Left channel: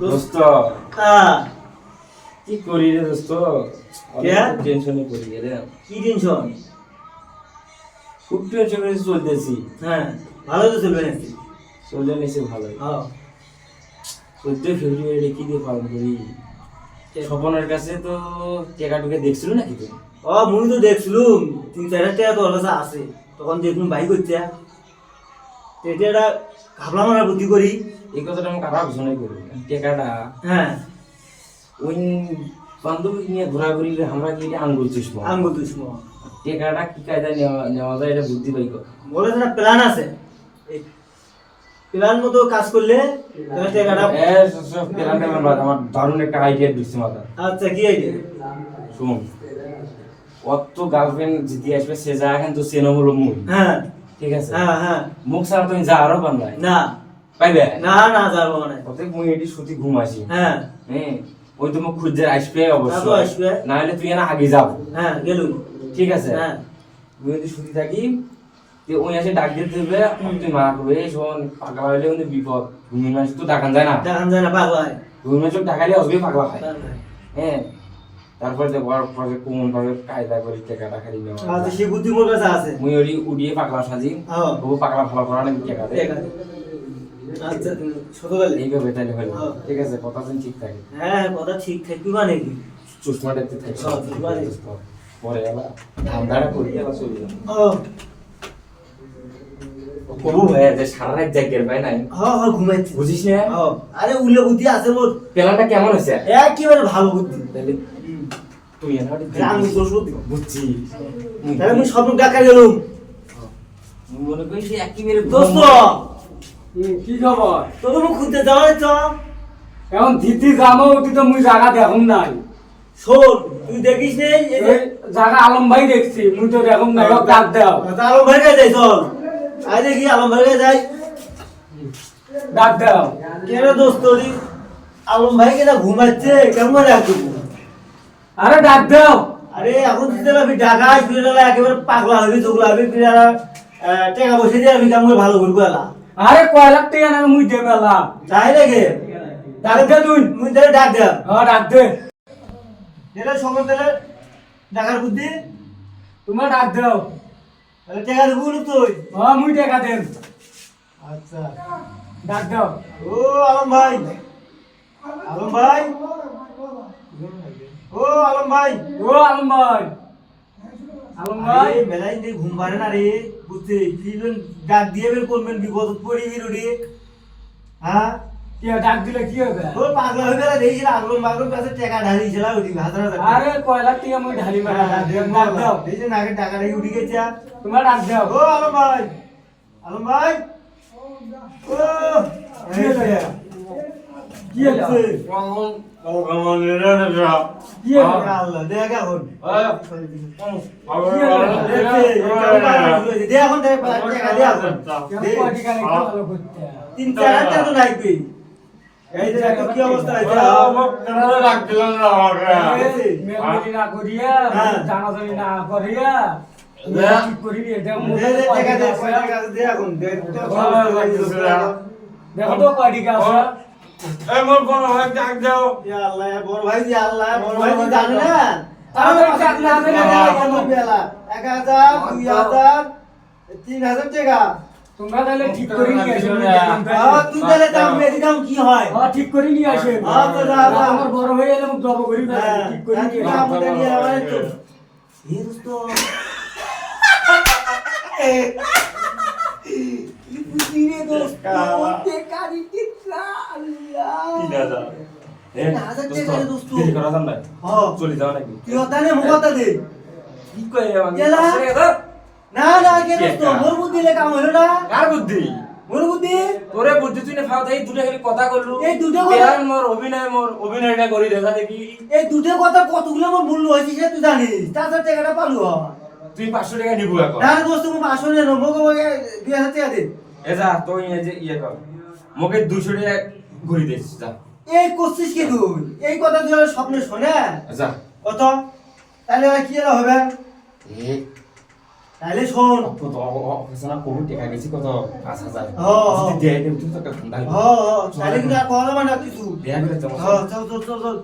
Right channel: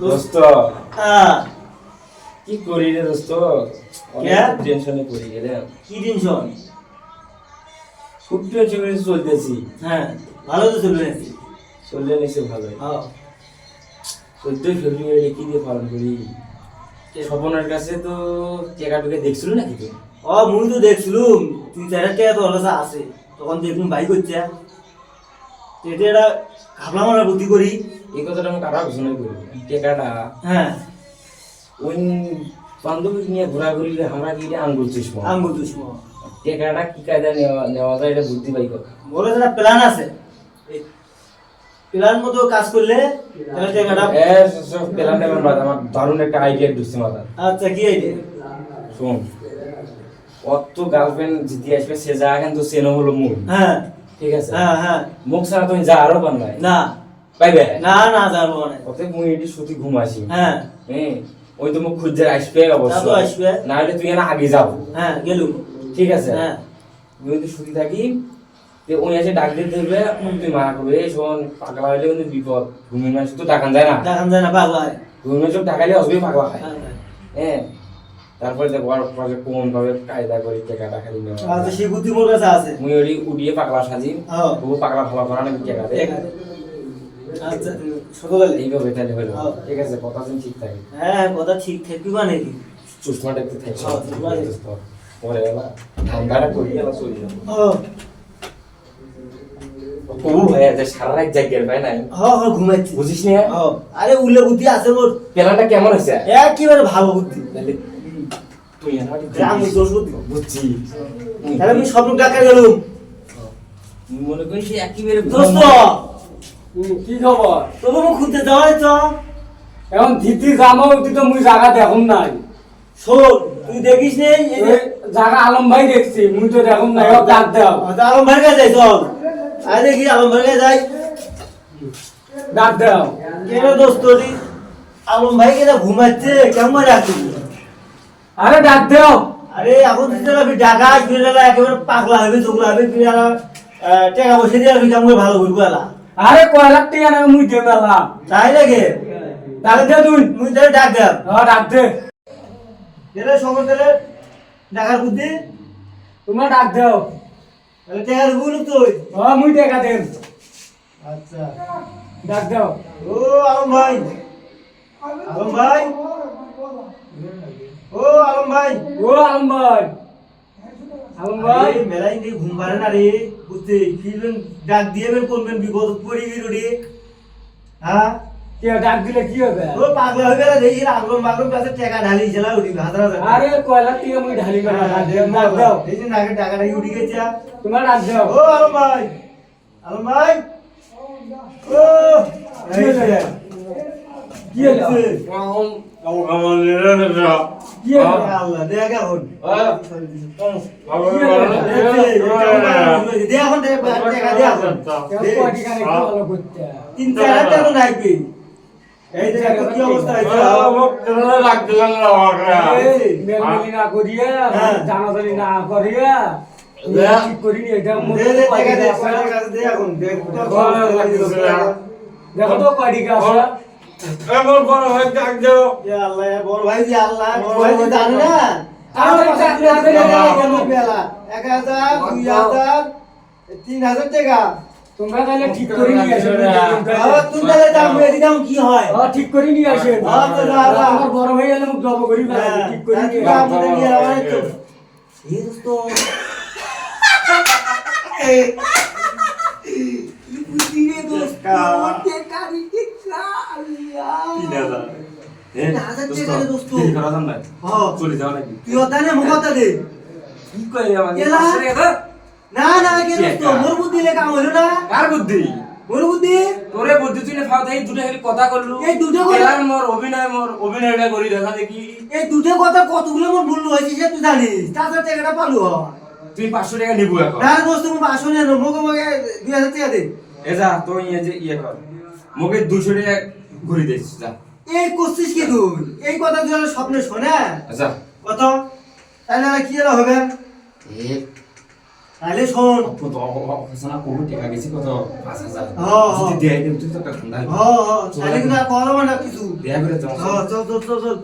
দোস্ত কি করি রে দোস্ত? টেনশনে পড়ি রে। কি টেনশন? খুব টেনশনে চলতেছি। হ্যাঁ, ভালো তো চলবে নাকি? চললে নিছে ভালো। হ্যাঁ, 14 ফেব্রুয়ারি কি দিয়ে পালন করি? স্বপনের কাছে তো টাকা টুকে দেখছিল নাকি তুই? মুই তো দেখছিলুম 3-4 টাকা তো ওর কাছে আছে। তখন দেখলুম ভাই করছে এটা ঘাবলা মারা বুদ্ধি করি। এই কথাটা আমি কারা ঘোষণা করি টাকাটা। হ্যাঁ, ওই বান্ধবী নিয়ে ঘোরাঘুরি আমরা কি আঙ্গুল চুষবো আঙ্গুল দুশ্ম টাকাটা কি কায়দা নেওয়া যায় এটা বুদ্ধি পাই কথা। বলে একটা প্ল্যান আছে, এই প্ল্যান মতো কাজ করলে তাহলে টাকাটা। প্ল্যানটা আমার দারুণ একটা আইডিয়া ঢুকছে মাথা। আচ্ছা, কি আইডিয়া? শোন, অত গার্লফ্রেন্ড যদি আসবে সে যা কিন্তু চেনো হলো মুখ। হ্যাঁ, ঠিক আছে। হ্যাঁ হ্যাঁ, মুখ ছাড়া তুমি যা আরো পান নাই না পাইবে না না যাবো মানে। অতএব মুই এটি সুতি ঘুমাসি। হ্যাঁ হ্যাঁ, ওই তো মুখ খুঁজে আসবে তা তো অবশ্যই আসবে। না হলে তুই না আগে যাবো। হ্যাঁ, গেলুম। ঠিক আছে। হ্যাঁ, তুই যদি সুতি থাকি তে ওই এসে ডাক দিতে হবে, তুই মা করবে এই শোন পাগলা হলে কিন্তু বিপদ। ঘুমির মানুষ তো ডাকান যায় না, দেখান যায় না পাগলা হয়। ঘুমির মানুষ ডাকালে আসবে পাগলা খায়। হ্যাঁ, হ্যাঁ। হ্যাঁ, তারপরে তো বড় প্রজেক্ট কোন ভাবে কায়দা করে টাকাটা খালি নেওয়া আচ্ছা, সেই বুদ্ধি মোর কাছে আছে। মুই ওই উড়িয়ে পাগলা সাজি হ্যাঁ, তবু পাগলা ভালো করা নাকি টাকা দে। ঠিক আছে। আচ্ছা, সততালি। এইভাবে তাহলে হলো। হ্যাঁ। ঠিক আছে, কথা শুন ঠিক থাকে। হ্যাঁ, কথা ঠিক থাকবি মানে কি? চশমা দেখতে থাকছে হ্যাঁ, ঠিক আছে। পরে এলা ঠান্ডাটা পড়ে গেল চলে যাবো। হ্যাঁ কবু ভাইয়া যে সারা রাত জাগের ভাই নাই হ্যাঁ হ্যাঁ, ঘুমাচ্ছি। বুঝিস না? হ্যাঁ, আরে উল্লে বুদ্ধি আছে মোর। প্ল্যানটা কেমন হয়েছে? একেবারে ভালো বুদ্ধি। তাহলে তুই আমার আমি দোষ বুদ্ধি বুঝছি। তাহলে আমি স্বপ্ন ডাকা গেলুম। মুই মনে করি সে একেবারে দোস্ত, কি খবর? তোকে মুখ খুঁজতে যাওয়াই তো। এখন দিদি জামা উঠি তো মুই জায়গা দেখুন নাই। শোন, তুই দেখিস নেই এই যে জায়গা আলম ভাই দেখছি, মুই তো দেখুন নাই। ও ডাক দাও, আলম ভাই কাছে যাই, চল। আরে দেখি আলম ভাই কাছে যাই। ডাক দাও। কেন দোস্ত রে? আলম ভাই কেন ঘুমাচ্ছে? কেমন রাখবি? আরে ডাক দাও। আরে এখন দিতে পারবি ঢাকা ফিরে একেবারে পাগলা হবে, চোখলা হবে, ফিরে টাকা পয়সা দিয়ে আমি কেমন ভালো ঘুরবো এলা। আরে কয় লাখ টাকা না মুই দেব এলা। তাই লাগে ডাক দে তুই। মুই তাহলে ডাক দে। হ্যাঁ ডাক দে। এটা সময় তাহলে ঢাকার বুদ্ধি তোমার ডাক দাও। তাহলে টাকা দেবো না তুই? হ্যাঁ মুই টাকা দেব। আচ্ছা, ডাক দাও। ও আলম ভাই, আলম ভাই, ও আলম ভাই, ও আলম ভাই। আলম ভাই। আরে মেলাই দিয়ে ঘুম পারে না রে, বুঝতে ফিরবেন ডাক দিয়ে বের করবেন, বিপদ পড়ি রে। হ্যাঁ, কে ডাক দিলে কি হবে? ও পাগলা হয়ে গেল, দেখি আলম বাগম কাছে টাকা ঢালি ছিল উঠি হাজার হাজার। আরে কয় লাখ টাকা মুই ঢালি না। ডাক দাও। এই যে নাকে টাকাটা উঠি গেছে। তোমার ডাক দাও। ও আলম ভাই, আলম ভাই, ও এই যে কি হলো? কি হলো? আল্লাহ দেখ এখন দে এখন টাকা দে এখন কেউ কয় টাকা নাকি ভালো করতে? 3-4 টাকা তো লাগবে। এই যে দেখো কি অবস্থা হয়েছে। মেলমিলি না করিয়া, হ্যাঁ। জানাজানি না করিয়া, ঠিক করিনি। এটা দে মোটে দে কয় টাকা দে, টাকা আছে? টাকা দে এখন দে। দেখো তো কয় টাকা আছে? ইয়া আল্লাহ, ইয়া বড় ভাই, ইয়া আল্লাহ, বড় ভাই তো জানে না। তাড়াতাড়ি বেলা 1000, 2000, 3000 টাকা। তোমরা তাহলে ঠিক করে নিয়ে আসো। তুই তাহলে দাম এদিকে কি হয়? ঠিক করে নিয়ে আসেন। হ্যাঁ, তো দাও, দাও। আমার বড় ভাই এলে মুখ জব করি না। ঠিক করে নিয়ে আসেন। আমাদের নিয়ে আয় তো। এই দোস্ত বুঝি রে দোস্ত, টাকা দিতে আল্লাহ 3000 টাকা রে দোস্ত। হ্যাঁ, চলে যাওয়া নাকি? কি হতা নে মুখ হতা দে। কি কয় আমাকে? এলা? 500 টাকা দাও। না না কে দোস্ত, মোর বুদ্ধি লে কাম হলো না। কার বুদ্ধি? মোর বুদ্ধি তোরে বুদ্ধি তুই না ফাও দেই দুটো খালি কথা করলু। এই দুটো কথা- এলার মোর অভিনয়টা করি দেখা দেখি। এই দুটো কথা কতগুলো মোর মূল্য হয়েছে সে তুই জানিস। তাছাড়া টাকাটা পালু হয় তুই 500 টাকা নিবু এখন। না দোস্ত, মুখ আসলে না, মুখে মুখে 2000 টাকা দে। এ যা তুই এই যে ইয়ে কর। মোকে 200 টাকা ঘুরি দিস যা। এই করছিস কি তুই? এই কথা তুই আমার স্বপ্নে শোনে আচ্ছা। কত? তাহলে আর কি এলা হবে? এ তাহলে শোন অফিসার কোভিড টেকা গেছি কত 5,000 হ্যাঁ, যদি হ্যাঁ। দেয় তুই তো একটা ঠান্ডা তাহলে কিন্তু আর কথা মানে কিছু দেয়া করে তোমার চল চল চল চল